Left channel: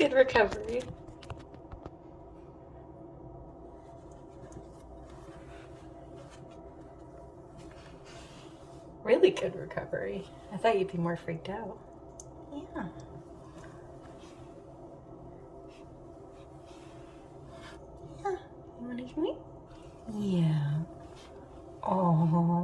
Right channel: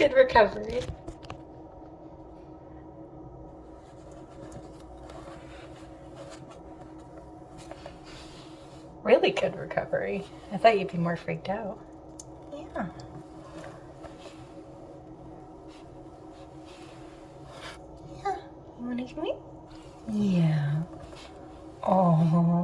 Good recovery. Really good recovery. I thought you'd be more freaked out. Yeah. Yeah. You wanna give me? Yeah. Oh.